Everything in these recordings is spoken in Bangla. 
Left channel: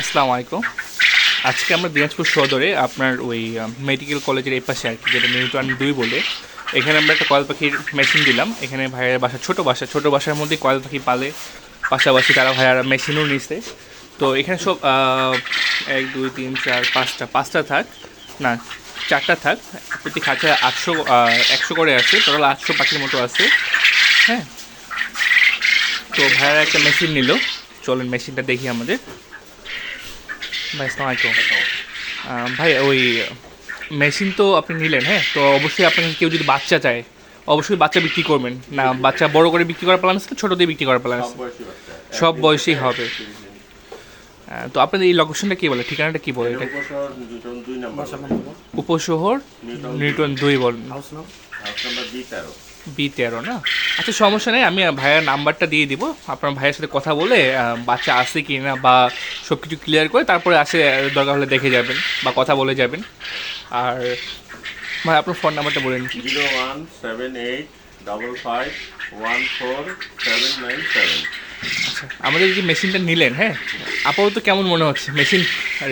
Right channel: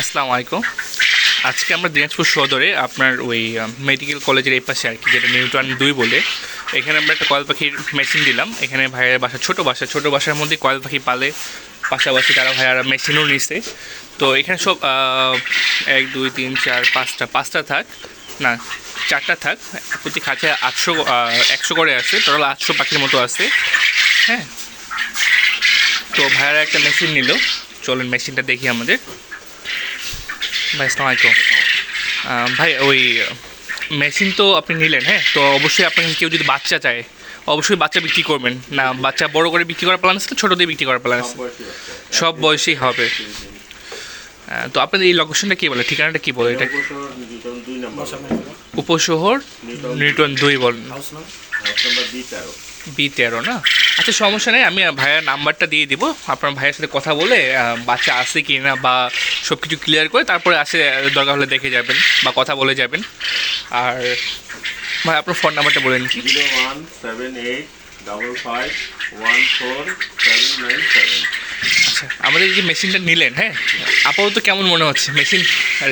আসসালামু আলাইকুম। আজকে আমরা দিনাজপুর সদরে আপনার ওই মেডিকেল কলেজের এই পাশে আর কি যেটা নিউটন দুই বলে। এখানে আমরা একটা কয়েল পাখির মেশিন দিলাম। এখানে ভাইয়ের বাসা ছোটো বাসা, ছোটো বাসার মধ্যে কয়েল পাখি পালে। পাশাপাশি তারা ভাইয়ারা মেশিনও নিছে। তো এখানে সব এক, দুই, তিন, চার, পাঁচটা পাঁচটা থাক, না, চারটা থাক। প্রতি খাঁচে আটশো একশো করে আছে। টোটাল আটশো পাখির মতো আছে। হ্যাঁ। তো ভাইয়ারা একটা মেশিন নিল। চলেন মেশিনটা দেখি আমাদের। ভাই আসসালামু আলাইকুম ভাই ওই মেশিন তো আপনি নিলেন হ্যাঁ? তো অবশ্যই আপনার কাছে কেউ যদি বাচ্চা চায় অবশ্যই বাচ্চা বিক্রি করবেন। না বাচ্চা বড় করে বিক্রি করার প্ল্যান আছে না ছোটো দিয়ে বিক্রি করার প্ল্যান আছে? সব বয়সেই হবে। তো আপনাদের এই লোকেশনটা কী বলে? ঠিকানাটা কী বলে? এটা উপশহর নিউটন দুই বলেন। বি তেরো না? আচ্ছা সমস্যা নেই আমি ভাইয়ের নাম্বারটা দিয়ে দিব। আপনার ভাইয়ের সাথে কথা বলে বাচ্চা আসে কি না বা সব কিছু ক্লিয়ার করে তারপরে আসে দরকার হলে দেখে যাবেন বা কথা বলে যাবেন। আর ভাই আপনার ফোন নাম্বারটা বলেন কি? Zero one seven eight double five one four seven nine seven. আচ্ছা আমাদের এই যে মেশিনটা নিলেন হ্যাঁ? আপাতত কেমন মনে হচ্ছে? মেশিন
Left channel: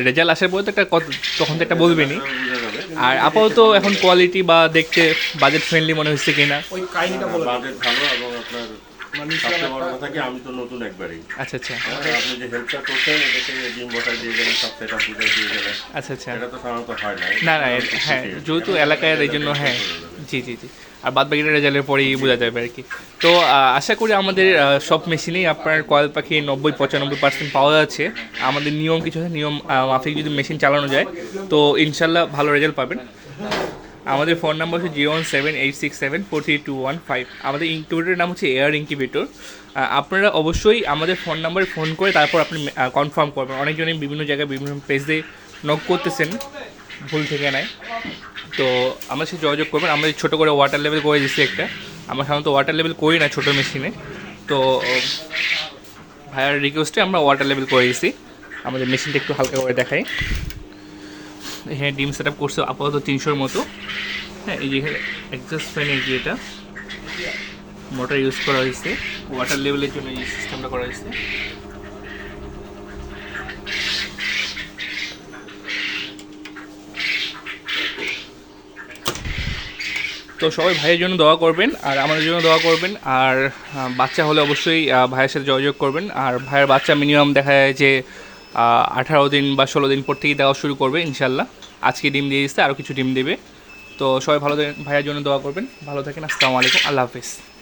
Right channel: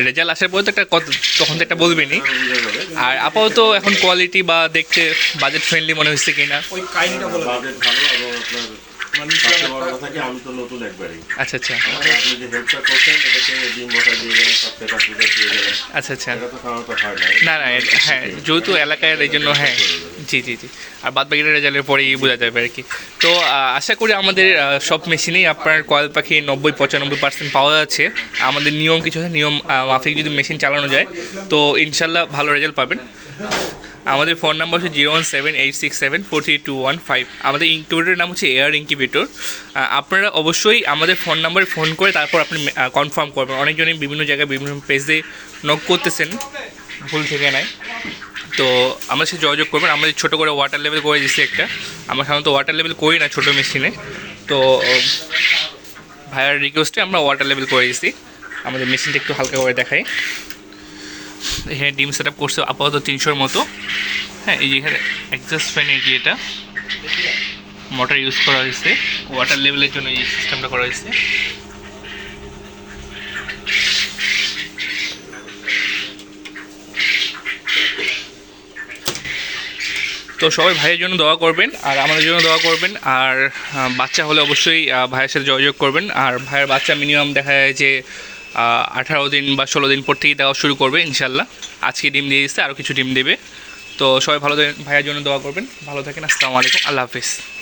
রেজাল্ট আসার পরে তো একটা কত তখন তো একটা বলবেনই। বোঝা যাবে আর আপাতত এখন কোয়ালিটি বা দেখতে বাজেট ফ্রেন্ডলি মনে হচ্ছে কিনা? ওই কাহিনীটা বলে। বাজেট ভালো এবং আপনার আমি তো নতুন একবারই। আচ্ছা আচ্ছা। হ্যাঁ, আপনি যে হেল্পটা করছেন এটাকে ডিম বসাই দিয়ে গেলেন সব সেটা বুঝাই দিয়ে গেলেন। আচ্ছা আচ্ছা। এটা তো সাধারণত হয় না না না হ্যাঁ যেহেতু এলাকায় এই জন্য হ্যাঁ জি জি জি। আর বাদ বাকিটা রেজাল্টের পরেই বোঝা যাবে আর কি। তো আশা করি আমাদের সব মেশিনেই আপনার কয়েল পাখি নব্বই পঁচানব্বই পার্সেন্ট পাওয়া যাচ্ছে। আমাদের নিয়ম কিছু আছে নিয়ম মাফিক যদি মেশিন চালানো যায় তো ইনশাল্লাহ ভালো রেজাল্ট পাবেন। আমাদের ফোন নাম্বার হচ্ছে zero one seven eight six seven four three two one five. আমাদের ইনকিউবেটরের নাম হচ্ছে এয়ার ইনকিউবেটর। আপনারা অবশ্যই আমাদের ফোন নাম্বারে ফোন করে তারপর আপনি কনফার্ম করবেন। অনেকজনই বিভিন্ন জায়গায়, বিভিন্ন পেজে নক করতেছেন ভুল থেকে নেয় তো আমরা সে যোগাযোগ করবেন। আমাদের ছোটো করে ওয়াটার লেভেল করে দিচ্ছি একটা। আমরা সাধারণত ওয়াটার লেভেল করি না ছোটো মেশিনে তো, ভাইয়ার রিকোয়েস্টে আমরা ওয়াটার লেভেল করে দিচ্ছি আমাদের মেশিনটা একটু হালকা করে দেখাই। এখানে ডিম সেট আপ করছে আপাতত তিনশোর মতো। হ্যাঁ এই যে এখানে অ্যাডজাস্ট ফ্যান এই যে এটা মোটর ইউজ করা হয়েছে। ওয়াটার লেভেলের জন্য এই সিস্টেমটা করা হয়েছে। তো সবাই ভাইয়ের জন্য দোয়া করবেন আর আমাদের জন্য দোয়া করবেন। আর বাচ্চা হলে অবশ্যই ভাইয়ের সাথে যোগাযোগ করবেন। আর ভাইয়ের বাচ্চা মিনিমাম দেখা যায় যে আঠারো দিন বা ষোলো দিন পর থেকেই দেওয়া শুরু করবে ইনশাল্লাহ আজকে ডিম দিয়ে দিচ্ছে আরও কিছু ডিম দেবে। তো সবাই ভালো ভাইয়ের জন্য দোয়া করবেন। ভালো থাকেন, আসসালামু আলাইকুম, আল্লাহ হাফিজ।